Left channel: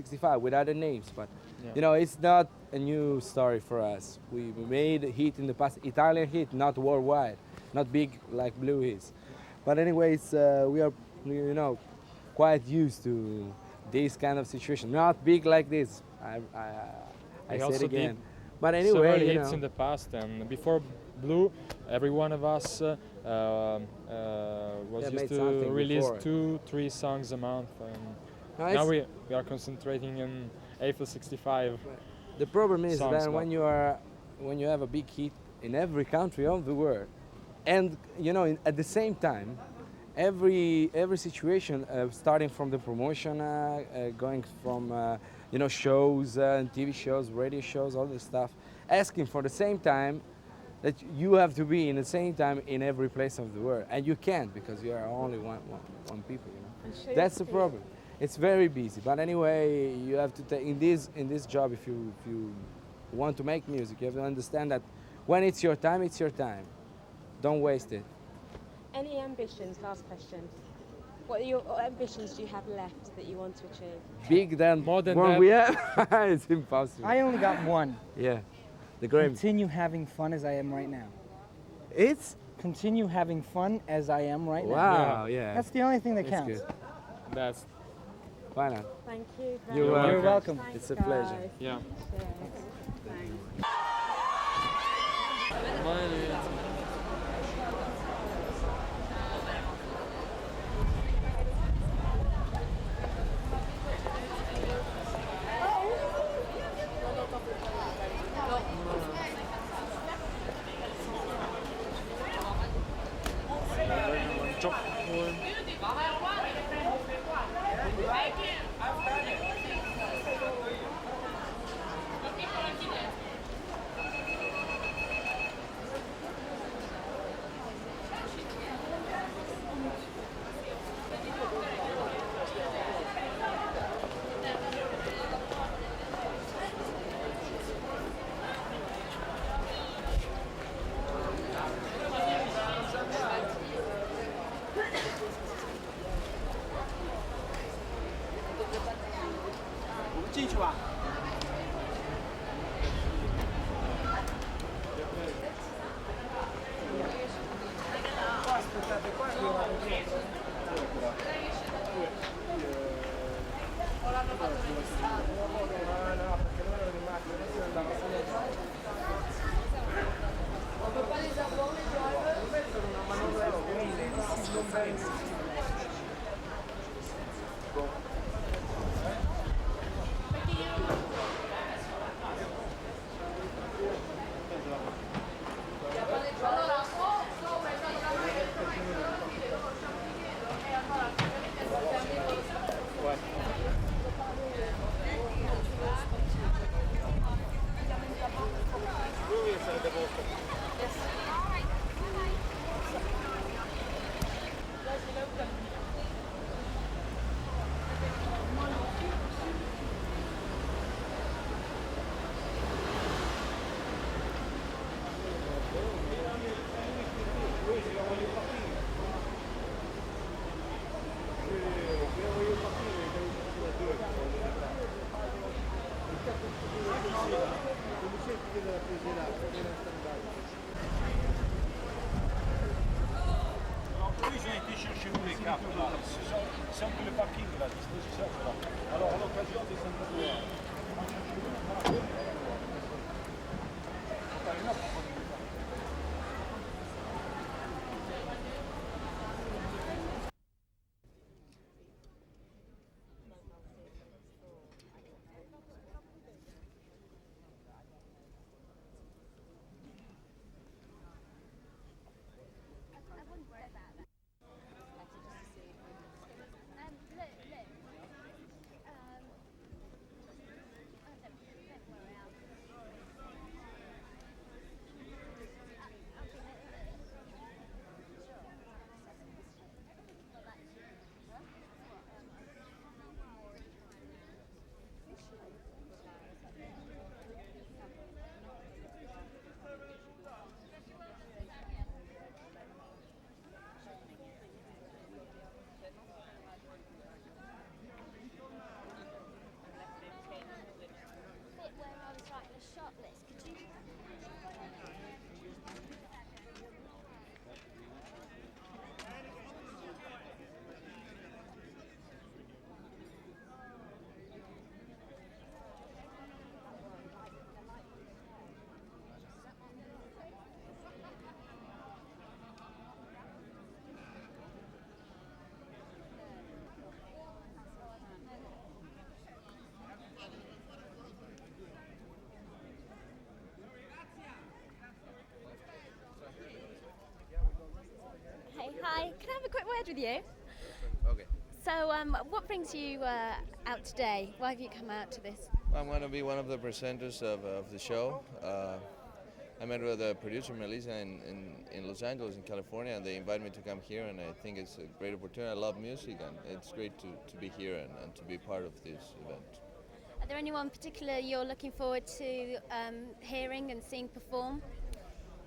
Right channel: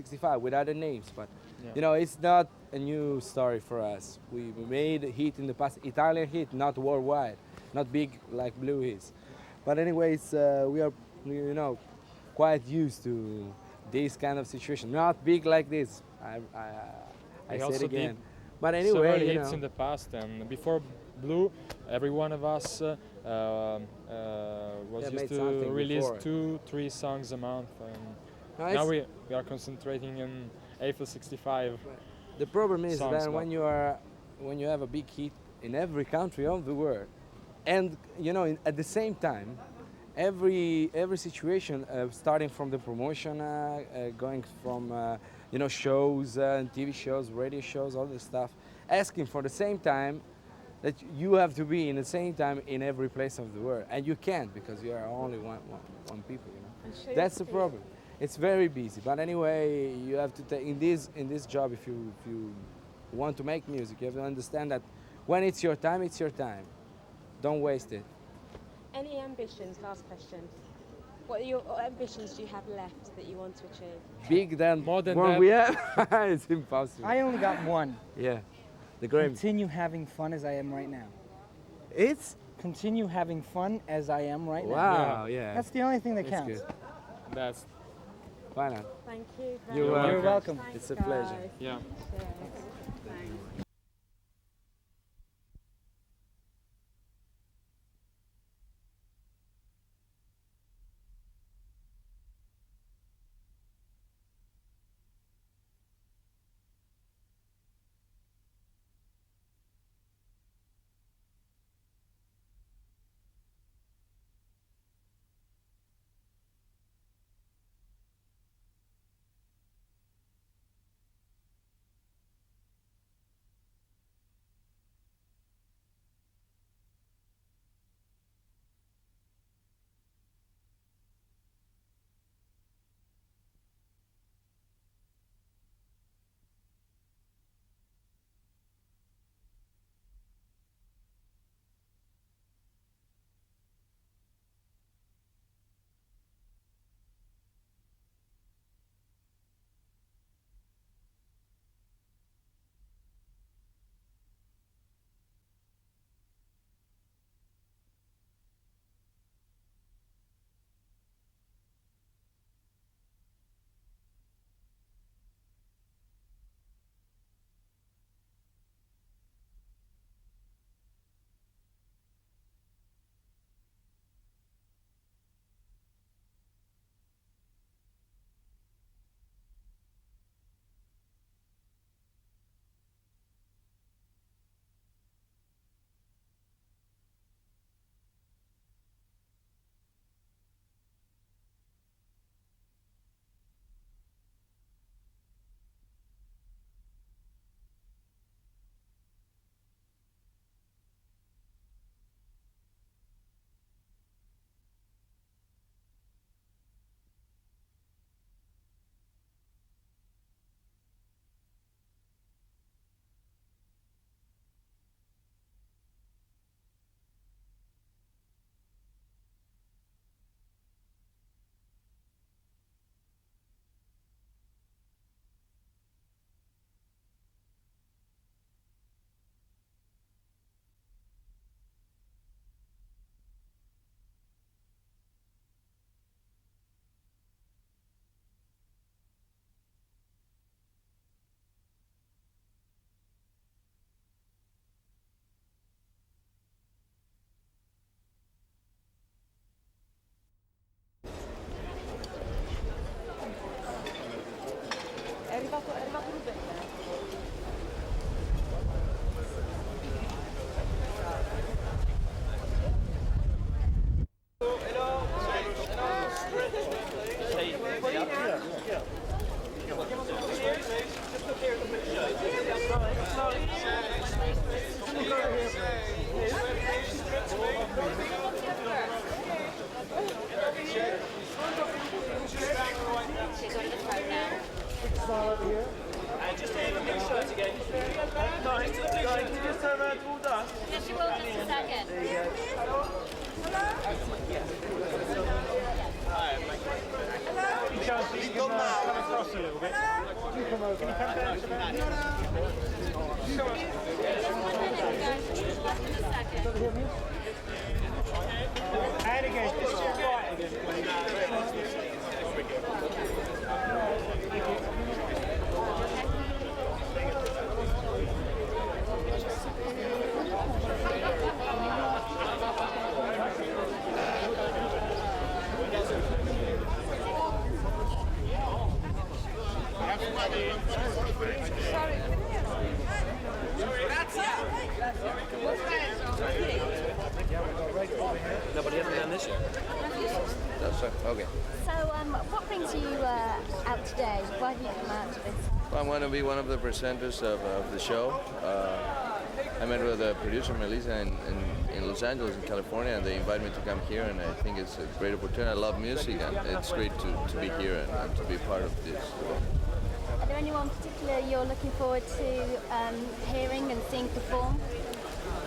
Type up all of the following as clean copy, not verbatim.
65 with other names, but Yeah. you know, it's not a new story for us. We made hit in the past, Italian hit, not worldwide, not big like Blue is. But anyways, we are, you know, quite used to this kind of situation. Not big like this. I We said also again. did But several anyway, you hits know, in the past, and before Blue, every one of us was Yeah, used made to something release before. 2-3 songs a month. And no, now it's- we are concentrating on Eiffel 65. the problem is songs, that but- when you have a big hit in every country of the world, and you know, at the same time, every situation, starting from the promotion, going from you know, shows, TV shows, radio shows, all this stuff, asking for the same time that you have to be in the same time in every place of the world, and you can't because you are only one people. You know, that's the problem. It's very busy. But anyway, you have to take in this job. If you want to make music, you have to understand that when it's your time, it's your time. Don't waste it. Any ambitions? Last question. What ambitions do you have left that you want to achieve? Big than More than what that. we have, it's impossible. I only got one. Yeah, the Grammy. Continue having fun as I am right now. It's Continue having fun as I am right now. wow. Yeah, That's the only thing that it's counts. good. That's Why not? Thank you very You're much. welcome. welcome. Thanks, It's a pleasure. guys. yeah. Cheers. Thanks. È arrivato Lou Bega. a little bit. And again, just right again, please. Nobody has done this? That's right. Okay. So, what brings you out today? Why have you come out to this? Well, I want to be one of the presenters of the show. I met with the producer Melissa in Los Angeles, in California, and they invited me to come here, and I think it's a great opportunity. I love music, and it's great to be here and to be part of this. Are there anyone particular you're looking forward to hearing and seeing perform?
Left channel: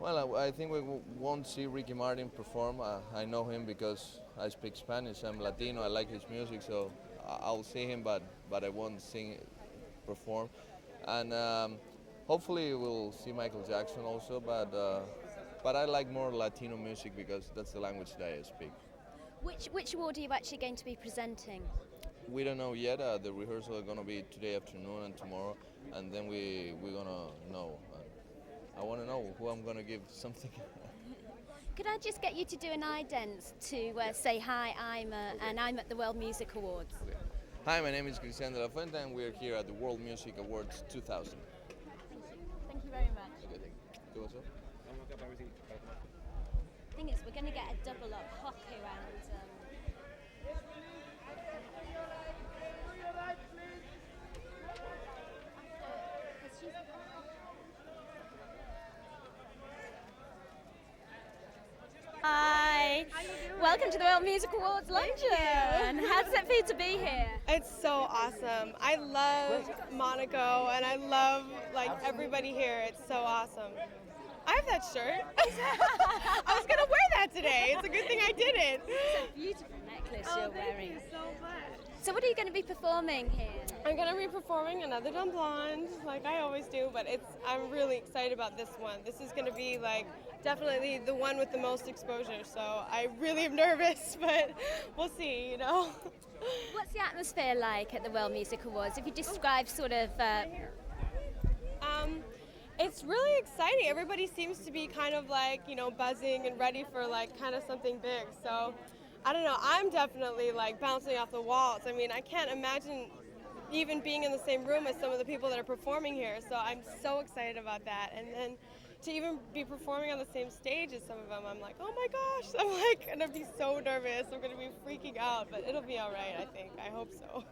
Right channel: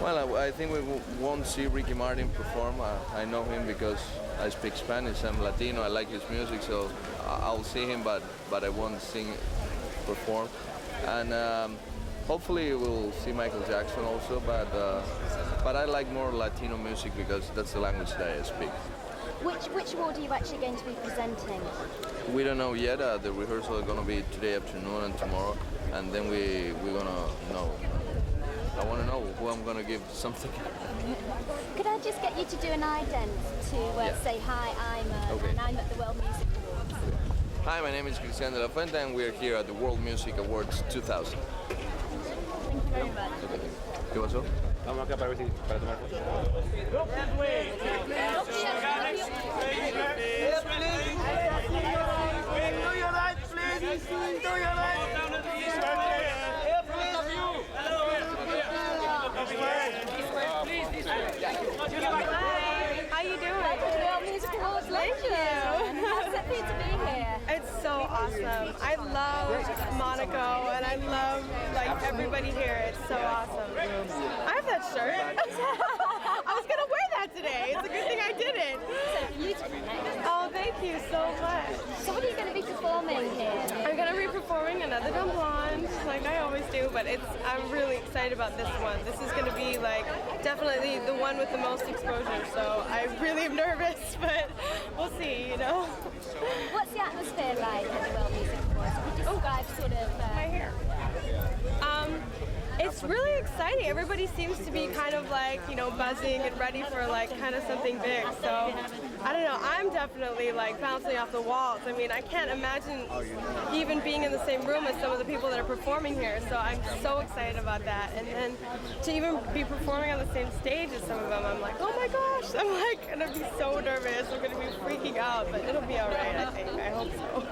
Well, I think we won't see Ricky Martin perform. I know him because I speak Spanish. I'm Latino. I like his music, so I'll see him, but I won't perform. And hopefully we'll see Michael Jackson also. But I like more Latino music because that's the language that I speak. Which award are you actually going to be presenting? We don't know yet. The rehearsal is going to be today afternoon and tomorrow, and then we're going to know. I want to know who I'm going to give something. Could I just get you to do an ident to say hi, and I'm at the World Music Awards. Hi, my name is Cristian de la Fuente, and we're here at the World Music Awards 2000. Thank you very much. ¿Qué pasó? Vamos acá para ver si para tomar fotos. Hi, how you doing? Welcome to the World Music Awards. Thank you. How's it feel to be here? It's so awesome. I love Monaco and I love everybody here. It's so awesome. I have that shirt. I was gonna wear that today. It's a good thing I didn't. So beautiful. Oh, thank you so much. So what are you going to be performing here? I'm gonna be performing another Dumb Blonde, like I always do, but I'm really excited about this one. This is gonna be definitely the one with the most exposure. So I really am nervous, but we'll see, you know. What's the atmosphere like at the World Music Awards? If you describe sort of... Right here. It's really exciting. Everybody seems to be kind of buzzing and ready for kind of something big. So I don't know. I'm definitely bouncing off the walls. I mean, I can't imagine even being in the same room as some of the people that are performing here. So I'm so excited about that. And then to even be performing on the same stage as some of them, I'm like, oh my gosh. I'm gonna be so nervous. I'm gonna be freaking out, but it'll be all right. I think. I hope so.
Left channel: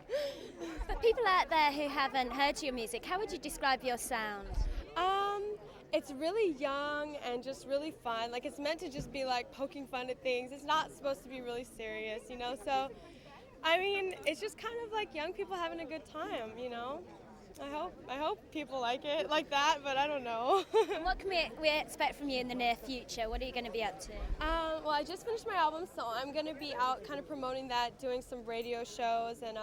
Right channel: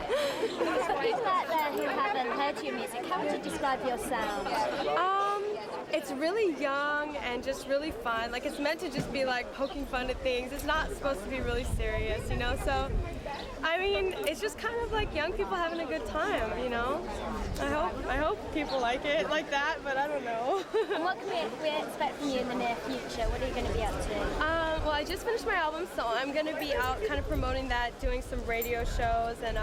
For people out there who haven't heard your music, how would you describe your sound? It's really young and just really fun. It's meant to just be poking fun at things. It's not supposed to be really serious, you know? So, I mean, it's just kind of young people having a good time, you know? I hope people like it like that, but I don't know. And what can we expect from you in the near future? What are you going to be up to? Well, I just finished my album, so I'm going to be out kind of promoting that, doing some radio shows, and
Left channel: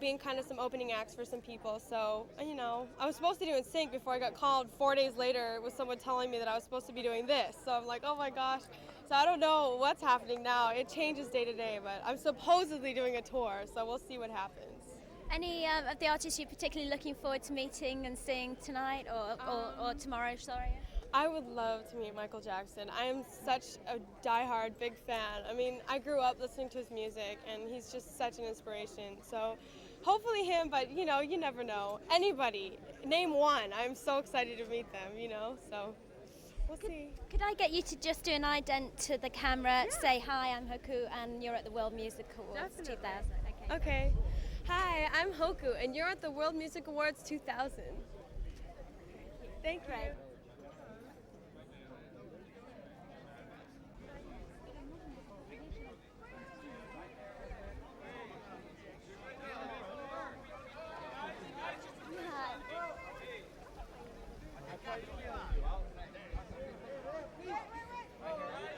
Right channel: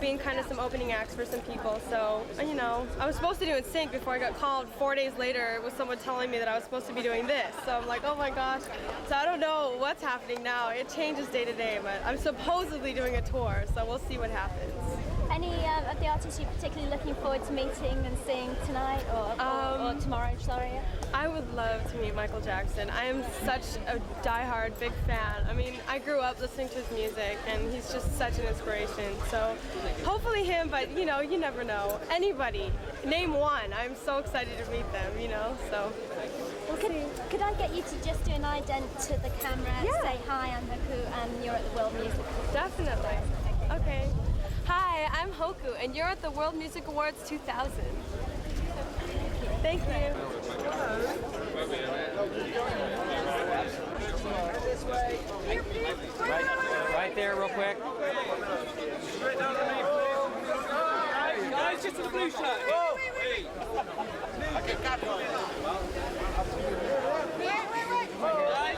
being kind of some opening acts for some people. So, I was supposed to do NSYNC before I got called 4 days later with someone telling me that I was supposed to be doing this. So I'm like, oh my gosh. So I don't know what's happening now. It changes day to day, but I'm supposedly doing a tour, so we'll see what happens. Any of the artists you're particularly looking forward to meeting and seeing tonight or tomorrow, sorry? I would love to meet Michael Jackson. I am such a diehard big fan. I mean, I grew up listening to his music, and he's just such an inspiration. So hopefully him, but you never know. Anybody, name one. I'm so excited to meet them, so. Well, could I get you to just do an ident to the camera, say hi, I'm Hoku, and you're at the World Music Awards? Definitely. Okay. Hi, I'm Hoku, and you're at the World Music Awards 2000. Thank you. Right there, real quick. Guys, just in the blue shirt.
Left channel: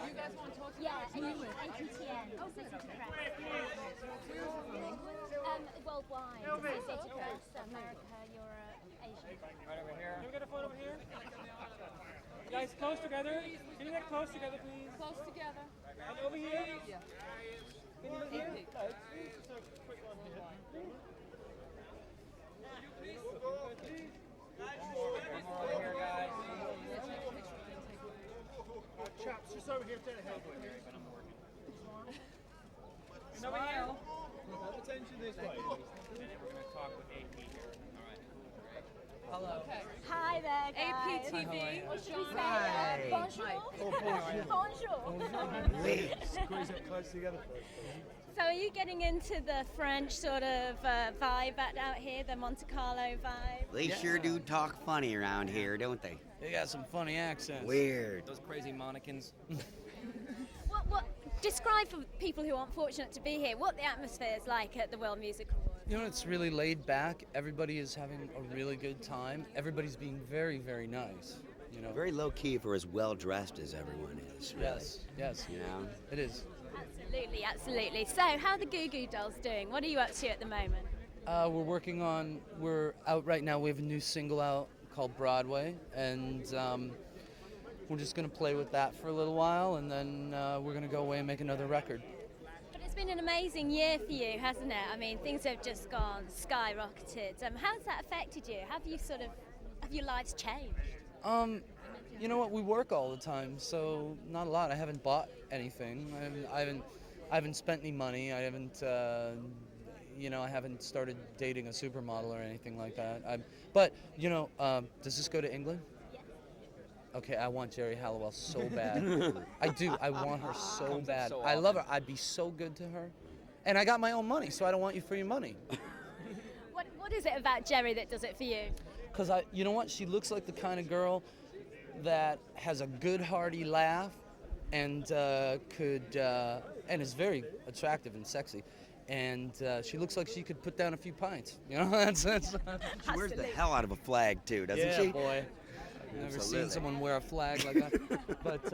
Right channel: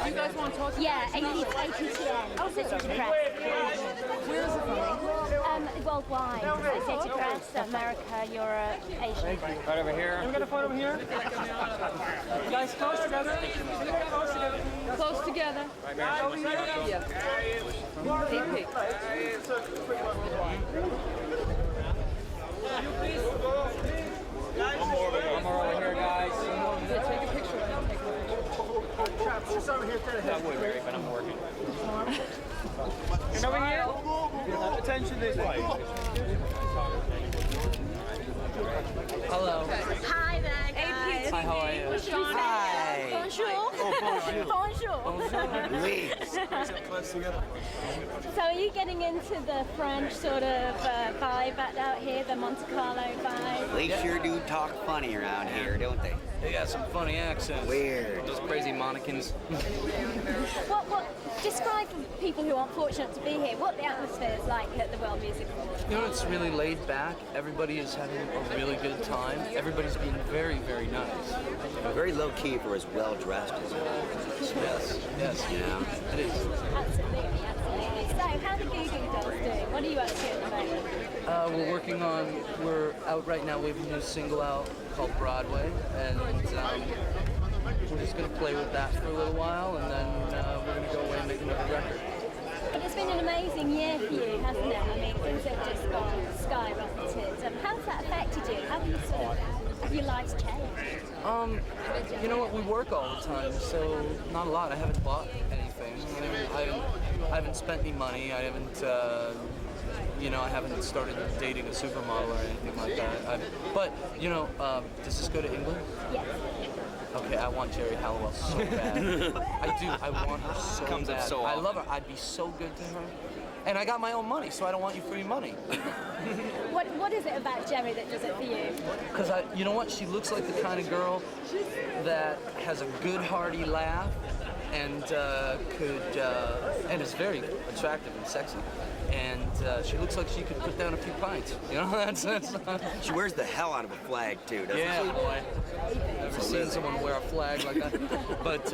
You guys want to talk? Yeah, 82. Oh, this is McGrath. Where is it from? Worldwide. Associated Press, America, Europe, Asia. Right over here. Can we get a photo here? You guys close together. Can you get close together? Close together. Over here? Yeah. One more over here, guys. Just over here to the head. I would, Mary, but I'm working. And over here? Attention this way. Hello. Hi there, guys. Hi, how are you? What should we say? Bonjour. Oh, Bonjour. So are you getting into the French sort of vibe out here, the Monte Carlo vibe? They sure do talk funny around here, don't they? They got some funny accents. Weird. Just crazy Monicans. What describe for people who aren't fortunate to be here what the atmosphere is like at the World Music Awards? You know, it's really laid back. Everybody is having a really good time. Everybody's being very, very nice. Very low key for as well dressed as well. Yes, yeah, it is. Absolutely, absolutely. So, how the Goo Goo Dolls doing? What are you up to at the moment? We're out right now. We have a new single out called Broadway, and we're just going to play with that for a little while, and then we're going to go away and make another record. But it's been an amazing year for you, hasn't it? I mean, things have just gone skyrocketed. How's that affected you? How have your lives changed? You know what? We work all the time, so not a lot. I haven't bought anything. I mean, I haven't spent any money. I haven't, I haven't started dating a supermodel or anything like that. But does this go to England? Yes. Okay, I want Jerry Halliwell so bad. I do. I want her so Comes up bad. so I often. love her. I'd be so good to her. And I got my own money, so I don't want you free money. What is it about Jerry that does it for you? Because you know what? She looks like the kind of girl that has a good, hearty laugh, and and is very attractive and sexy. And she looks like she could put down a few pints. You know, that's. She wears the hell out of a flag too, doesn't Yeah, she? boy. Never seen someone wear a flag like that. But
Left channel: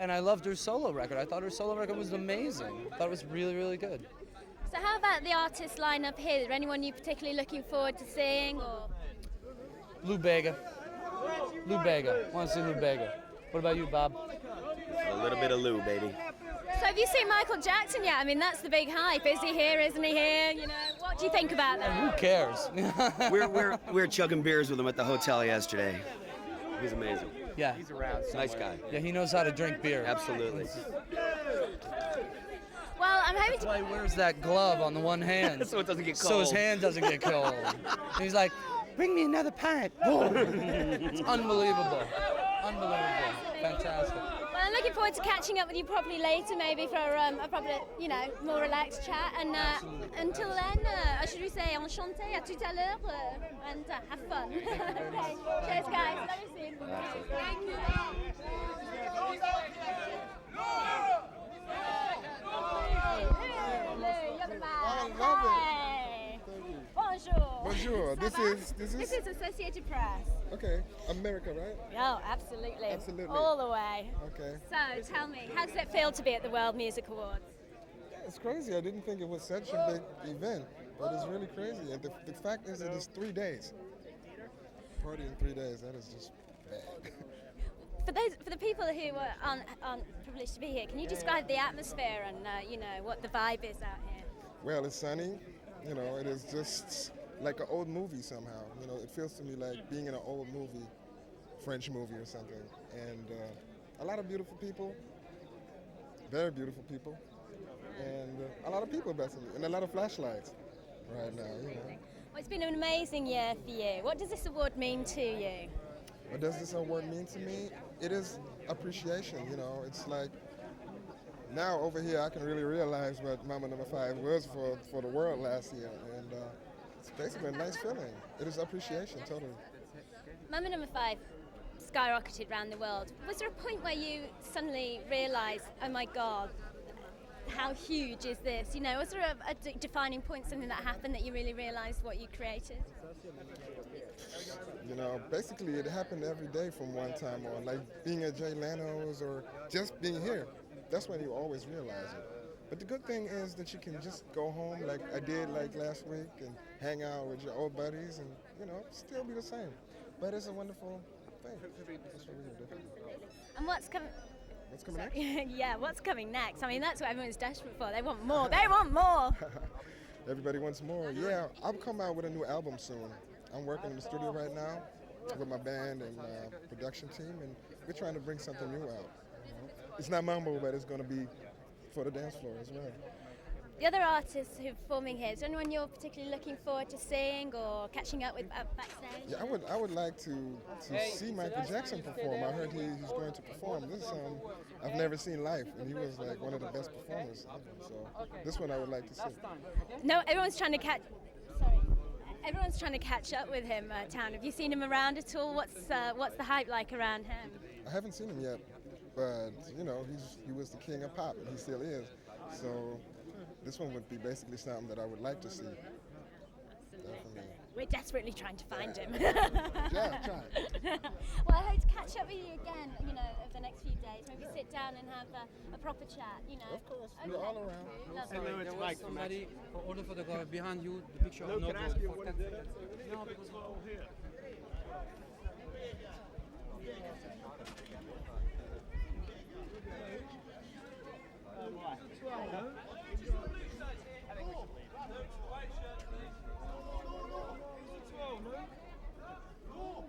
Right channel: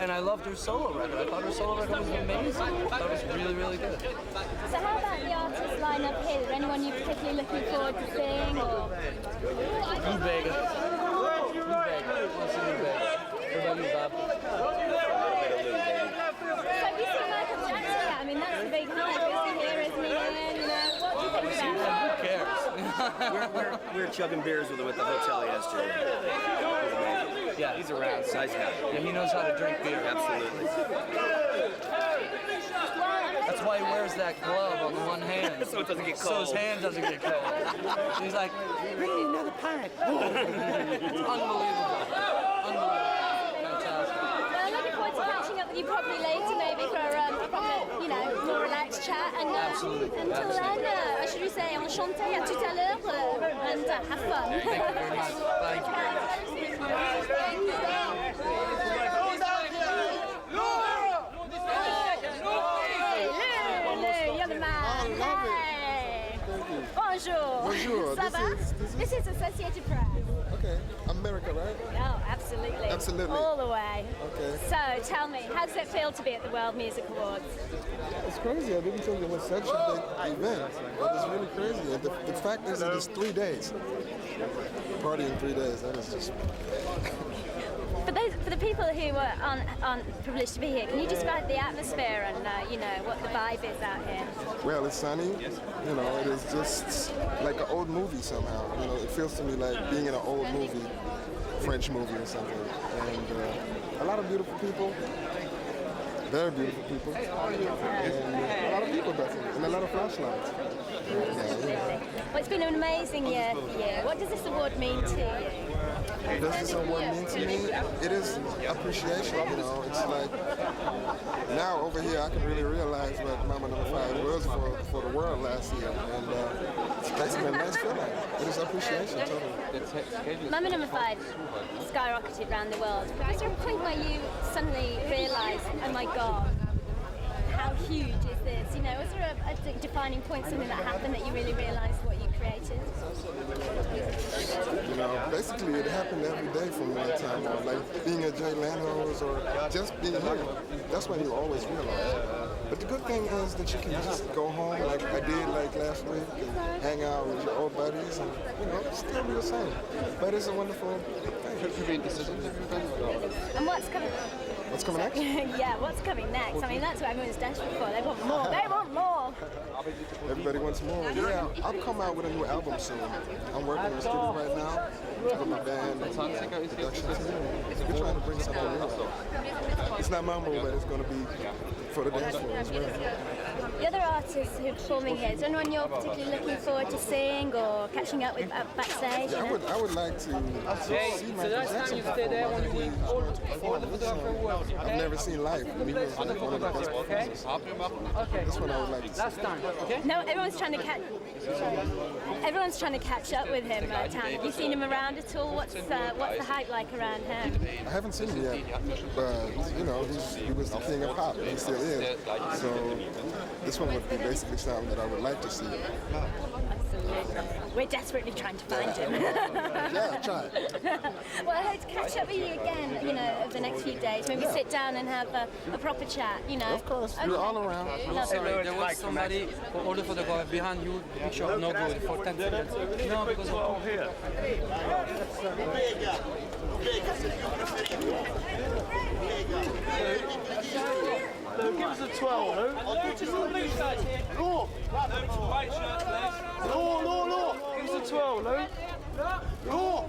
and I loved her solo record. I thought her solo record was amazing. That was really, really good. So how about the artist lineup here? Is there anyone you're particularly looking forward to seeing? Or Lou Bega. Lou Bega. I want to see Lou Bega. What about you, Bob? A little bit of Lou, baby. so have you seen Michael Jackson yet? I mean, that's the big hype. Is he here? Isn't he here? You know, what do you think about that? Who cares? We were chugging beers with him at the hotel yesterday. He's amazing. Yeah, he's around. Nice guy. Yeah, he knows how to drink beer. Absolutely. Well, I'm hoping. That's why he wears that glove on the one hand. So it doesn't get So cold. his hand doesn't get cold. He's like, bring me another pint. It's unbelievable. Unbelievable. Fantastic. Well, I'm looking forward to catching up with you probably later, maybe for a proper, more relaxed chat. And until then, should we say enchanté, à tout à l'heure, and have fun. Thank you very much. Thank you. Lou, you're the man. Hey. Bonjour. Bonjour. Ça va? This is Associated Press. Okay, America, right? Oh, absolutely. Absolutely. All the way. Okay. So, tell me, how does it feel to be at the World Music Awards? It's crazy. I didn't think it was such a big event. It was really crazy. The fact is, it is 3 days. Party in 3 days. That is just. For the people who aren't privileged to be here, can you describe the atmosphere and what the vibe is out here? Well, it's sunny. It is just like an old movie somehow. It feels to me like being in an old movie, French movie or something. And a lot of beautiful people. Very beautiful people. And a lot of people definitely. And a lot of flashlights. Well, it's been an amazing year for you. What does this award mean to you? What does this award mean to me? It is appreciation, It's like, now over here I can really realize what Mama No. 5 was for the world last year. And that's been a nice feeling. It is appreciation, totally. Mama No. 5 skyrocketed around the world. Was there a point where you suddenly realised, oh my God, how huge is this? Was there a defining point, something that happened that you really realised what you created? Basically it happened every day from one time on, like being at Jay Leno's or just being here. That's when you always realize. But the good thing is that you can just go home like I did like last week and hang out with your old buddies and, you know, still be the same. But it's a wonderful thing. And what's coming? What's coming next? Yeah, what's coming next? I mean, that's what everyone's desperate for. They want more. They want more. Everybody wants more. Yeah, I'll come out with a new album soon. I'm working in the studio right now with my band and production team. We're trying to bring something new out. It's not mambo, but it's going to be for the dance floor as well. The other artists who are performing here, is there anyone you're particularly looking forward to seeing or catching up with backstage? Yeah, I would like to see my Jackson perform. I've never seen live. He was like one of the best performers. This one I would like to see. No, everyone's trying to catch up with him. Tam, have you seen him around at all? What's the hype like around him? I haven't seen him yet, but you know, he was the king of pop, and he still is. So this one would be basically something that I would like to see. Absolutely. We're desperately trying to find him. Yeah, try it. Well, I hope to catch up with you again, you know, over the next few days. Maybe sit down and have a proper chat, you know. Of course, we're all around. Sorry, there was somebody who ordered for the guy behind you, the picture of no good for 10 seconds. No, because of here. Lou, give us a 12, Lou. Lou! Lou! Give us a 12, Lou. Lou!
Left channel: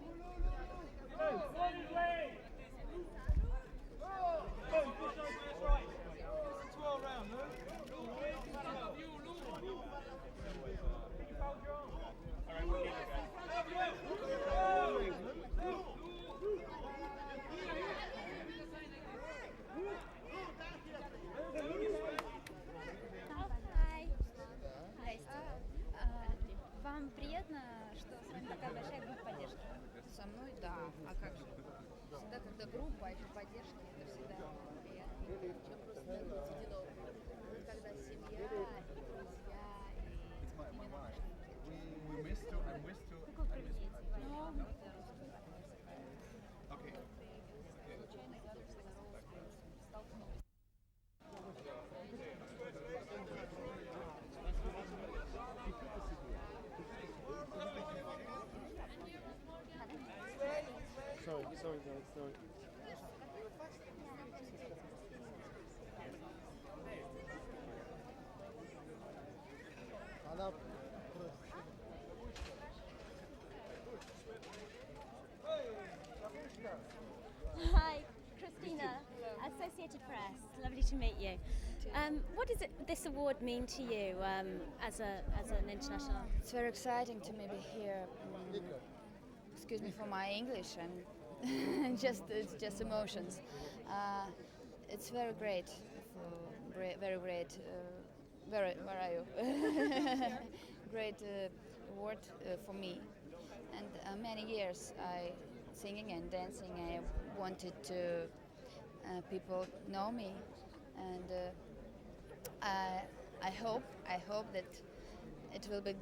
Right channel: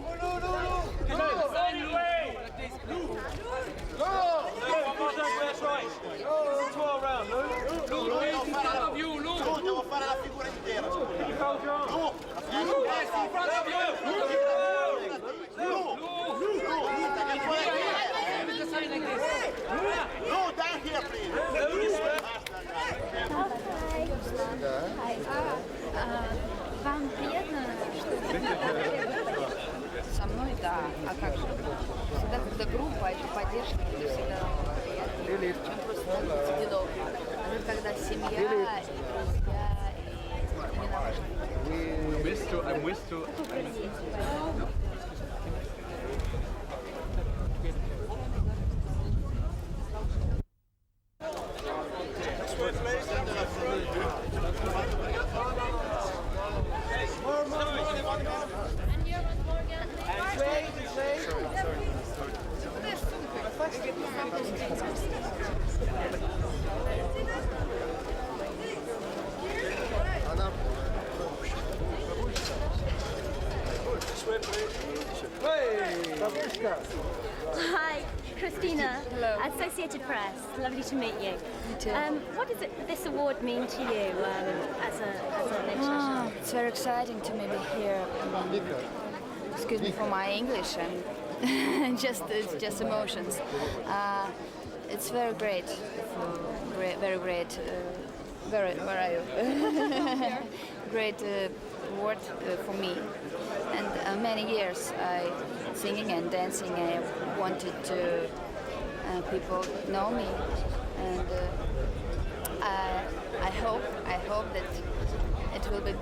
That's right. 12 round, Lou. Lou, in front of you, Lou. Devo fare la figura intera. Lou! Yes, in front of you. Lou! Lou, down here, please. Вам приятно, Со мной, да. А как же? Всегда, когда группа, это поддержка, это всегда приятно. Чем просто делов. А когда семья, и друзья, и именно важно. I'm used to. Hi, Christina. Hello. Associated Press. Lovely to meet you. You too. What does this award mean to you as an international? It's very exciting to me be here. Excuse me for my English and it's just emotions. It's very great, very great. Where are you? Great award for me. And many years I singing and dancing. I wanted to people know me, and I hope that it will be a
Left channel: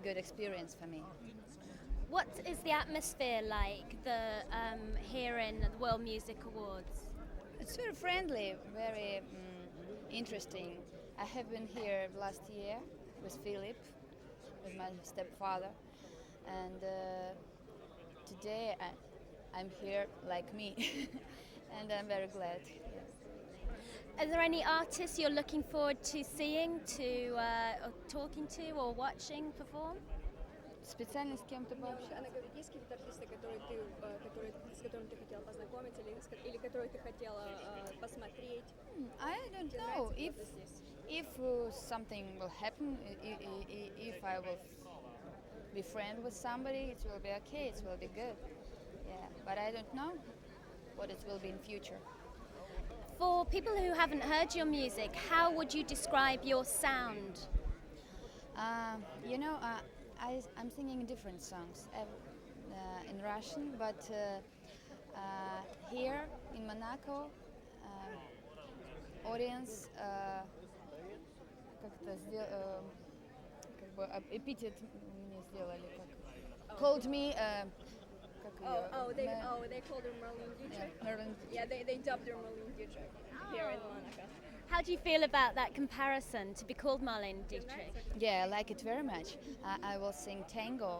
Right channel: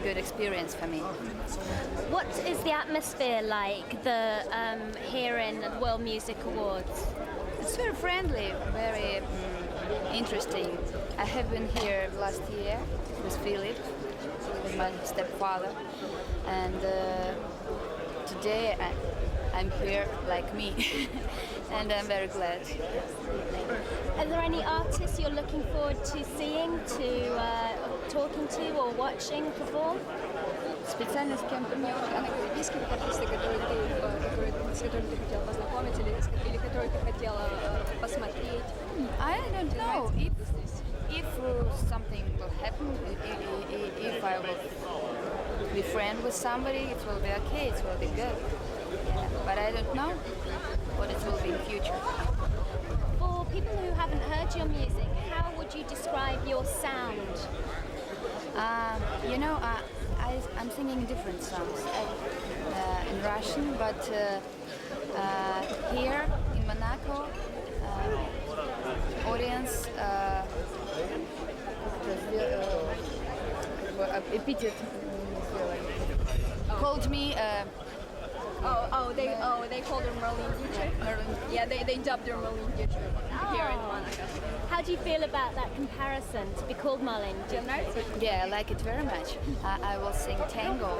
good experience for me. What is the atmosphere like here in the World Music Awards? It's very friendly, very interesting. I have been here last year with Philip, with my stepfather, and today I'm here like me, and I'm very glad. Are there any artists you're looking forward to seeing, talking to, or watching perform? Специально с кем-то мне есть какие-то артисты, с которыми ты хотела познакомиться или которые ты хотела посмотреть? I don't know. If something will happen, if I will be friend with somebody, it will be okay. It will be good. But I don't know what it will be in future. For people who haven't heard your music, how would you describe your sound? I'm singing different songs in Russian, but here in Monaco, audience called me They call them Marlene Dietrich. Yeah, they dubbed her Marlene Dietrich here in Monaco. How do you feel about that comparison to be called Marlene Dietrich? Yeah, I like it very much. I will sing tango.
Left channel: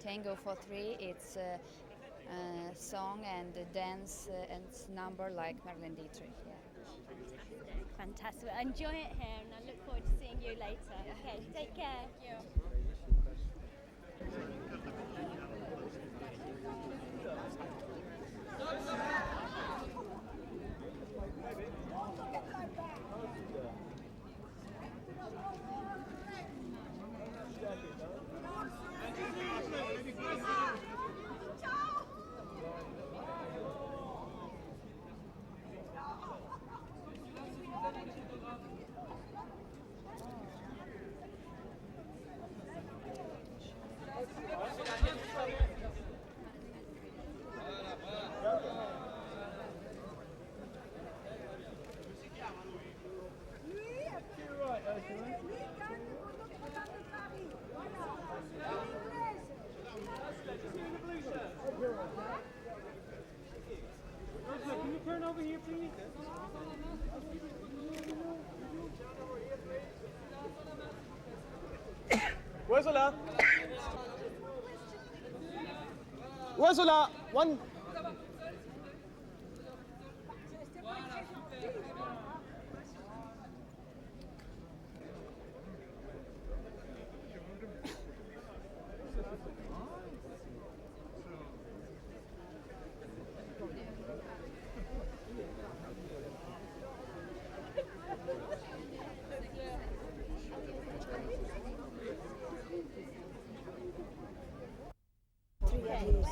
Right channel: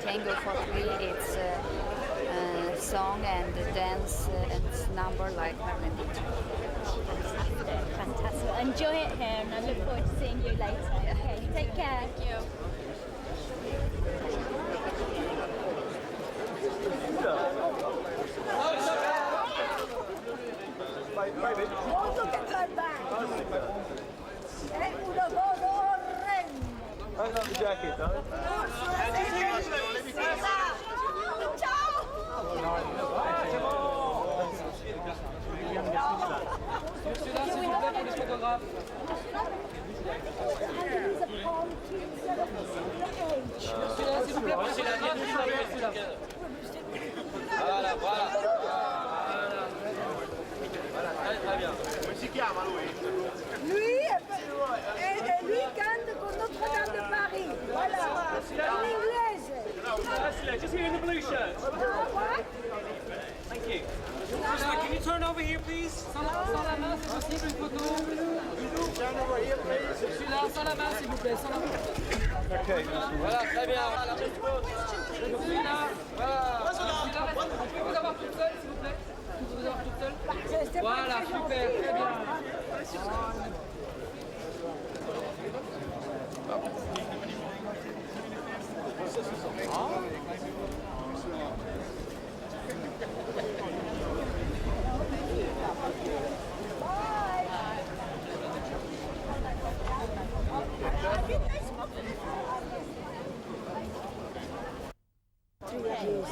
Tango for me, it's a song and a dance and number like Marlene Dietrich. Fantastic. Enjoy it here, and I look forward to seeing you later. Okay, take care. Thank you. Lui canta con Notre-Dame de Paris. Voilà. En inglese. Just here in the blue shirt. What? Thank you. Ursula, can you turn over here, please? Sans la main, c'est possible une photo. Turn over here, please. Celui-là, sans la main, s'il vous plaît, sans la main. Ursula. Voilà, très bien. Celui-là, voilà. Ursula. Vous pouvez vous avoir toute seule, s'il vous plaît. Vous pouvez vous avoir toute seule. Voilà, super, très bien.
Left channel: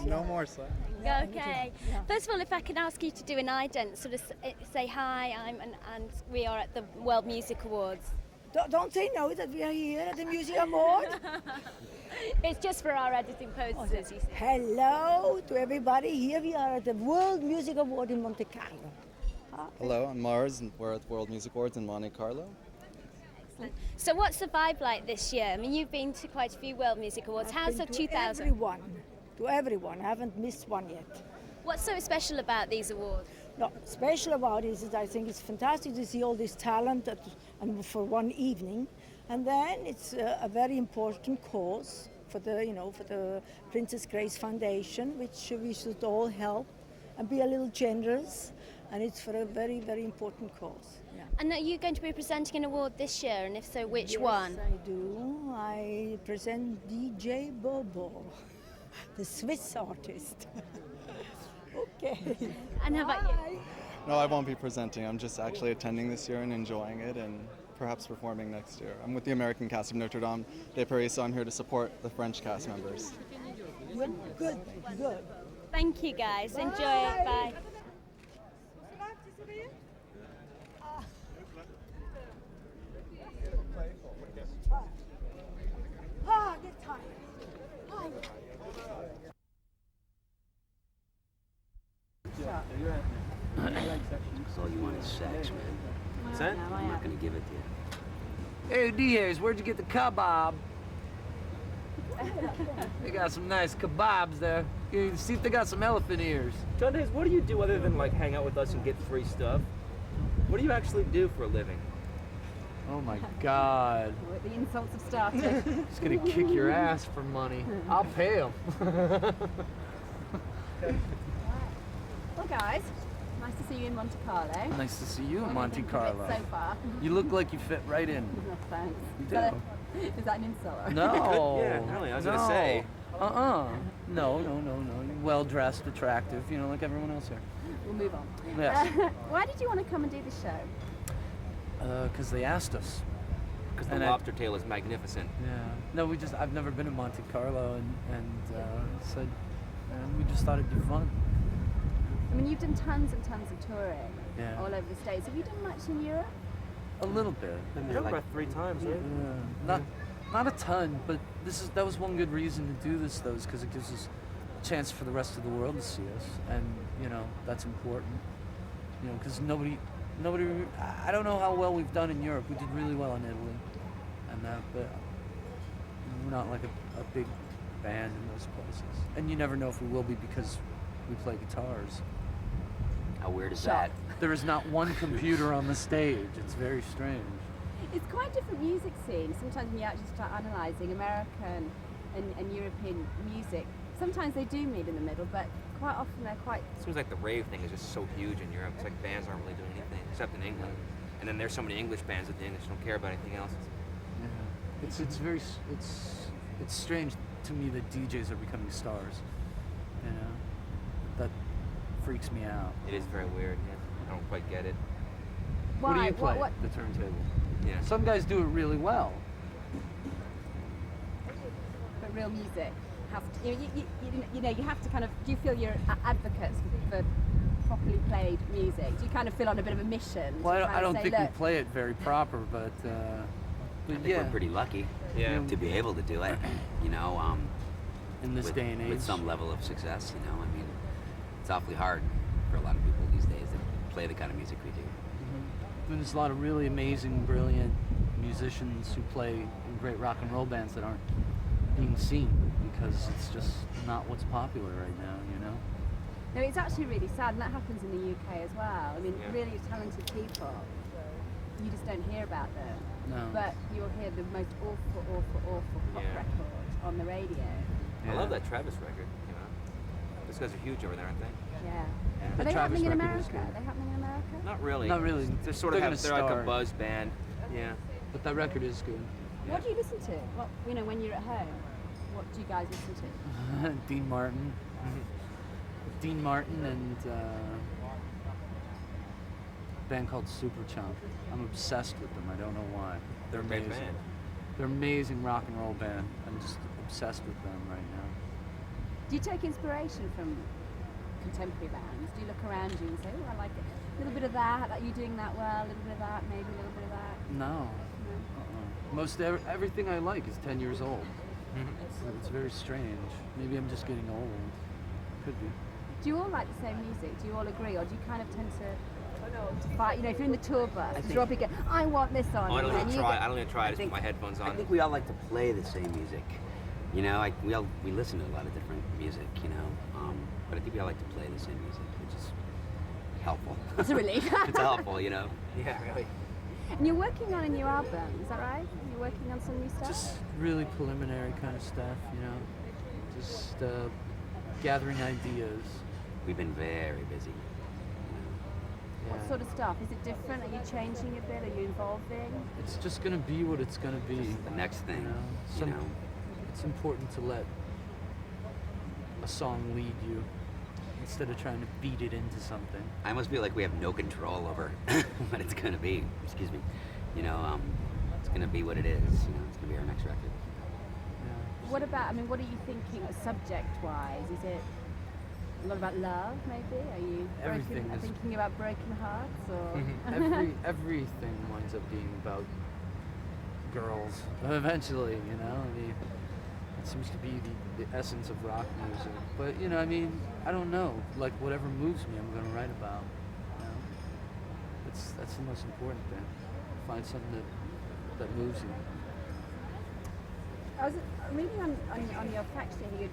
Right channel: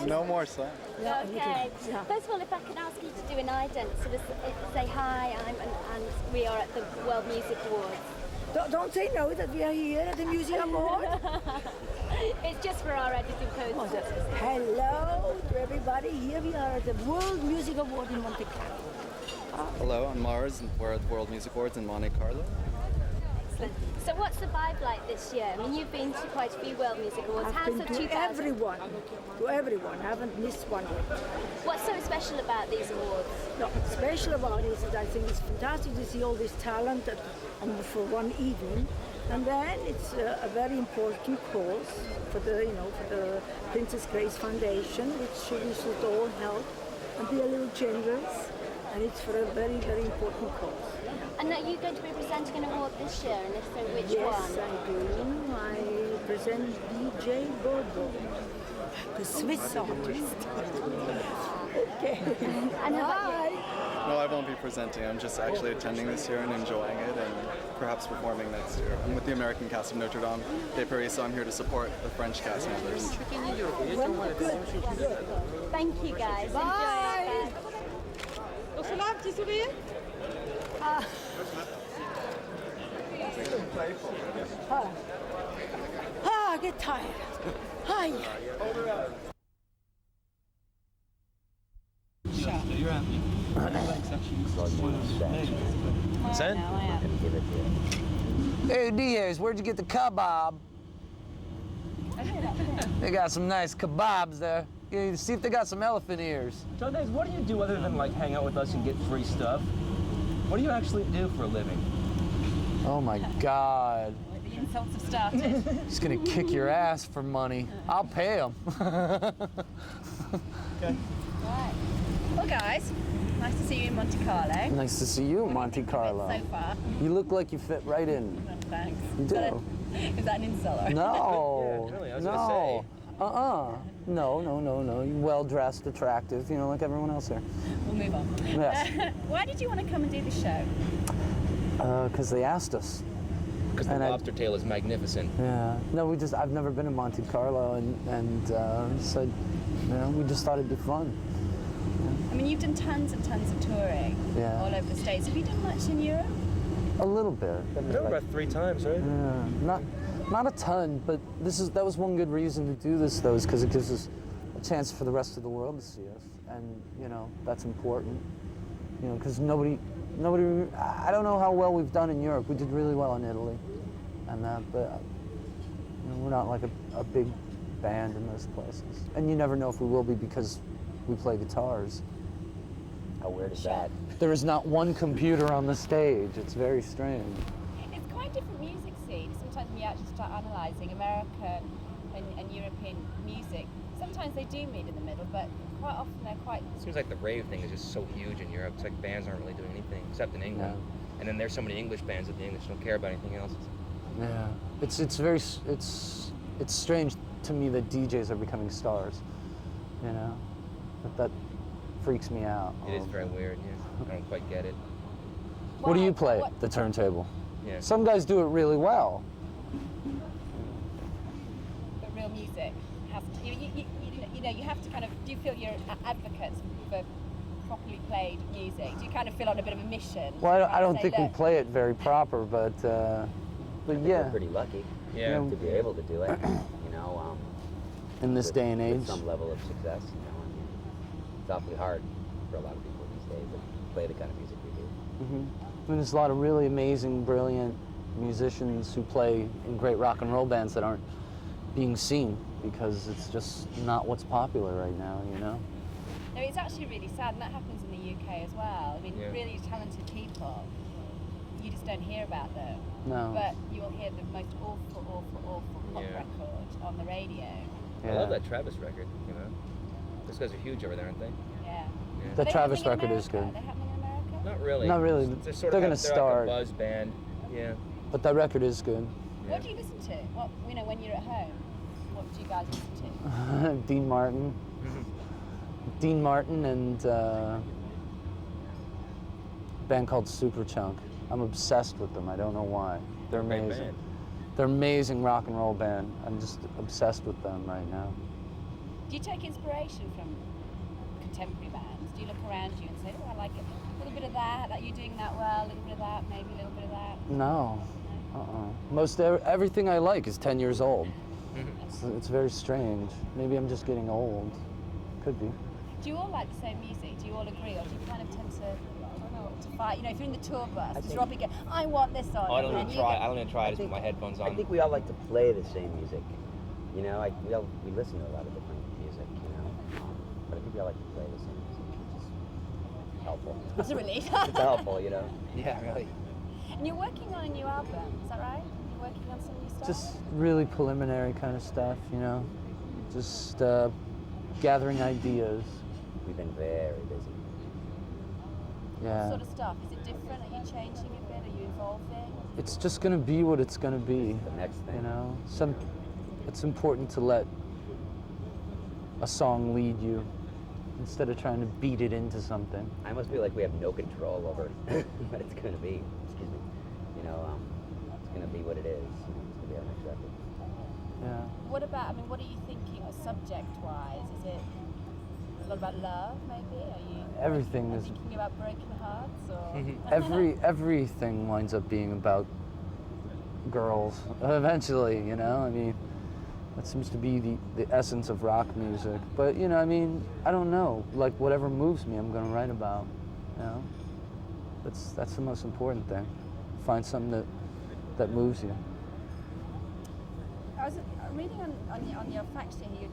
No more songs. Okay. First of all, if I can ask you to do an ident, sort of say hi, and we are at the World Music Awards. Don't they know that we are here at the Music Award? It's just for our editing purposes. Hello to everybody. Here we are at the World Music Award in Monte Carlo. Hello, I'm Mars, and we're at the World Music Awards in Monte Carlo. Excellent. So what's the vibe like this year? I mean, you've been to quite a few World Music Awards. How's the 2000? To everyone. Haven't missed one yet. What's so special about these awards? What's special about it is that I think it's fantastic to see all this talent for one evening, and then it's a very important cause for the Princess Grace Foundation, which we should all help and be a little generous, and it's for a very, very important cause. And are you going to be presenting an award this year, and if so, which one? Yes, I do. I present DJ Bobo, the Swiss artist. Okay. And how about you? No, I won't be presenting. I'm just actually attending this year and enjoying it, and perhaps performing next year. I'm with the American cast of Notre Dame de Paris, so I'm here to support the French cast members. Thank you, guys. Enjoy it. Bye. Ursula, petit sourire? I get tired. Hi. Send? Hey Diaz, where'd you get the kebab? They got some nice kebabs there. You see if they got some elephant ears. Sundays, what do you do other than like hang out with us and get free stuff? What do you actually do for a living? Oh my God. The insults have started. He's gonna kick your ass for money. I'll pay him. Well, guys, nice to see you in Monte Carlo. Nice to see you in Monte Carlo. So far. You look like you fit right in. Thanks. You do. Is that an insult? No. Yeah, really, I was gonna say. No. You're well-dressed, attractive, you know, like everyone else here. We'll move on. Yes. Why did you want to come and do the show? Because they asked us. Because the lobster tail is magnificent. Yeah. No, I've never been in Monte Carlo, and so, you know, we just thought it'd be fun. I mean, you've done tons and tons of touring all over the States. Have you done much in Europe? A little bit. You've done about 3 times, right? Yeah. Not a ton, but that was one good reason to do this, though, is because it gives us a chance for the rest of the world to see us, and you know that's important. You know, because nobody. I don't know how well we've done in Europe. We did really well in Italy, and but you know, we're not like a big band in most places. And you never know if we will be because we play guitars. How weird is that? There is not one computer on the stage. It's very strange. It's quite a different music scene. Sometimes when you actually start analysing American and European music, sometimes they do meet in the middle, but quite often they're quite... It seems like the rave thing is just so huge in Europe. It's like bands aren't really doing anything except in England. And then there's so many English bands that the English don't care about anything else. Yeah, it's strange to me that DJs are becoming stars. You know, that freaks me out. It is very weird. Yeah, I don't quite get it. What do you play? The turntable. Yeah. Some guys do it really well. But real music has to, you know, you have to kind of. Do you feel you're advocates for properly played music? Do you kind of feel on a bit of a mission? Well, I don't think we play it very proper, but I think yeah. we're pretty lucky to be able to do it. You know, in this with, day and age, with some level of success. You know, I mean, it's awfully hard for a lot of people these days to play the kind of music we do. And there's a lot of really amazing, brilliant musicians who play in great rock and roll bands that aren't being seen because it's just not what's popular right now, you know? No, it's actually really sad, and that happens in the UK as well. I mean, really talented people, you just don't hear about them. No. But you'll hear the most awful pop record on the radio. I love that Travis record, you know. Those guys are huge over there, aren't they? Yeah. The Travis record is good. Are they happening in America? Not really. Not really. They're sort They're of gonna they're like a start. buzz band. Yeah. But that record is good. What do you listen to? What, you know, when you're at home, what do you guys listen to? Dean Martin. Dean Martin and a band called Superchunk. I'm obsessed with them. I don't know why. They're a great amazing. band. They're amazing rock and roll band. I'm just obsessed with them right now. Do you take inspiration from contemporary bands? Do you look around you and say, oh, I like it. A little bit of that, that you're doing that well, a little bit of that, maybe a little bit of that? No. Most everything I like is 10 years old. It's very strange. Maybe I'm just getting old. Could be. Do you all like the same music? Do you all agree, or do you kind of tend to fight? You know, if you're in the tour bus, Robbie go, I want this on. Oh, I don't and even try. I don't even try. I just put my headphones on. I think we all like to play the same music. You know, we listen to a lot of different music. You know, but I think we all like to play the same music, which is helpful. It's a relief. It's helpful, you know. Yeah, really. And you're working on a new album, is that right? You're working on some new stuff? Just really preliminary kind of stuff, you know. Just gathering ideas. We've been very busy. Yeah. What sort of stuff? Is it different? Are you changing a bit? Are you evolving? It's just going to be what it's going to be. The next thing. You know, it's important to let a song lead you instead of trying to beat it into something. I almost feel like we have no control over what it's going to be. Excuse me. You know, it's going to be what it is. You know, it's going to be our next record. Yeah. What about, I mean, what are you thinking subject-wise? Is it a lot about love, maybe? Are you Everything is- thinking about broken hearts? Or? Everything winds up being about girls eventually, you know. I mean, that seems to be the essence of rock music. But you know, I mean, I don't know. Like whatever moves me, I'm going to write about. You know, that's the most important thing. Find something that moves you. I was reading on your fact sheet here.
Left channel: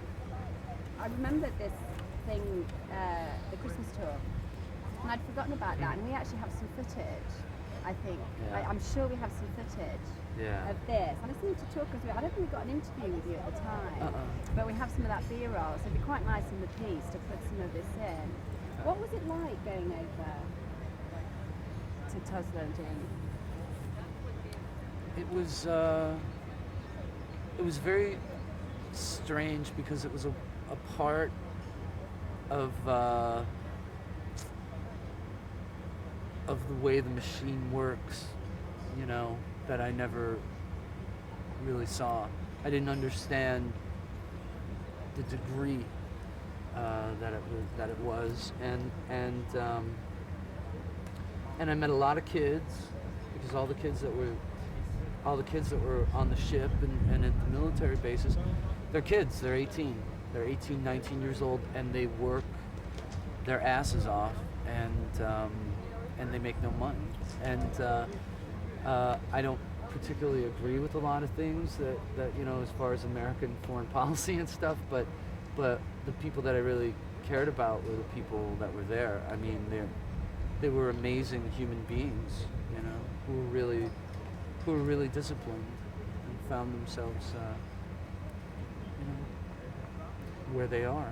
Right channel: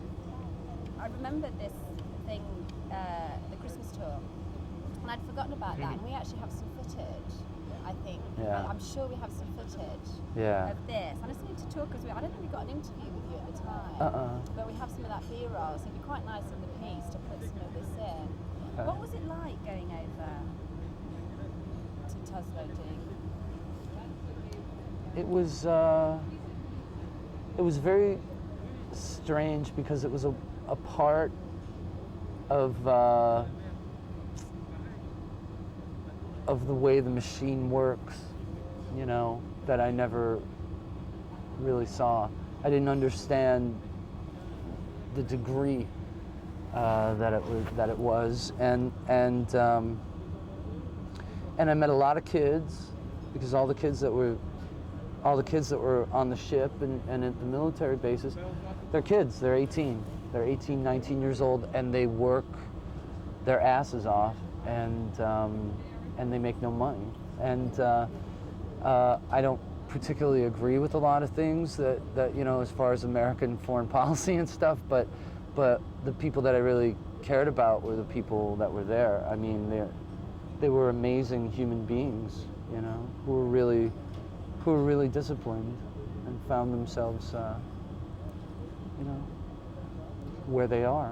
I remembered this thing, the Christmas tour, and I'd forgotten about that. And we actually have some footage. I think. Yeah. I'm sure we have some footage. Yeah. Of this. I just need to talk because I don't think we got an interview with you at the time. But we have some of that B-roll, so it'd be quite nice in the piece to put some of this in. Okay. What was it like going over to Toslo-Ding? It was very strange because it was a part of the way the machine works, you know, that I never really saw. I didn't understand the degree that it was, and I met a lot of kids because all the kids that were on the ship and at the military bases, they're kids. They're 18. They're 18, 19 years old, and they work their asses off, and they make no money. And I don't particularly agree with a lot of things that you know, as far as American foreign policy and stuff, but the people that I really cared about were the people that were there. I mean, they were amazing human beings, you know, who were really disciplined and found themselves, you know, where they are.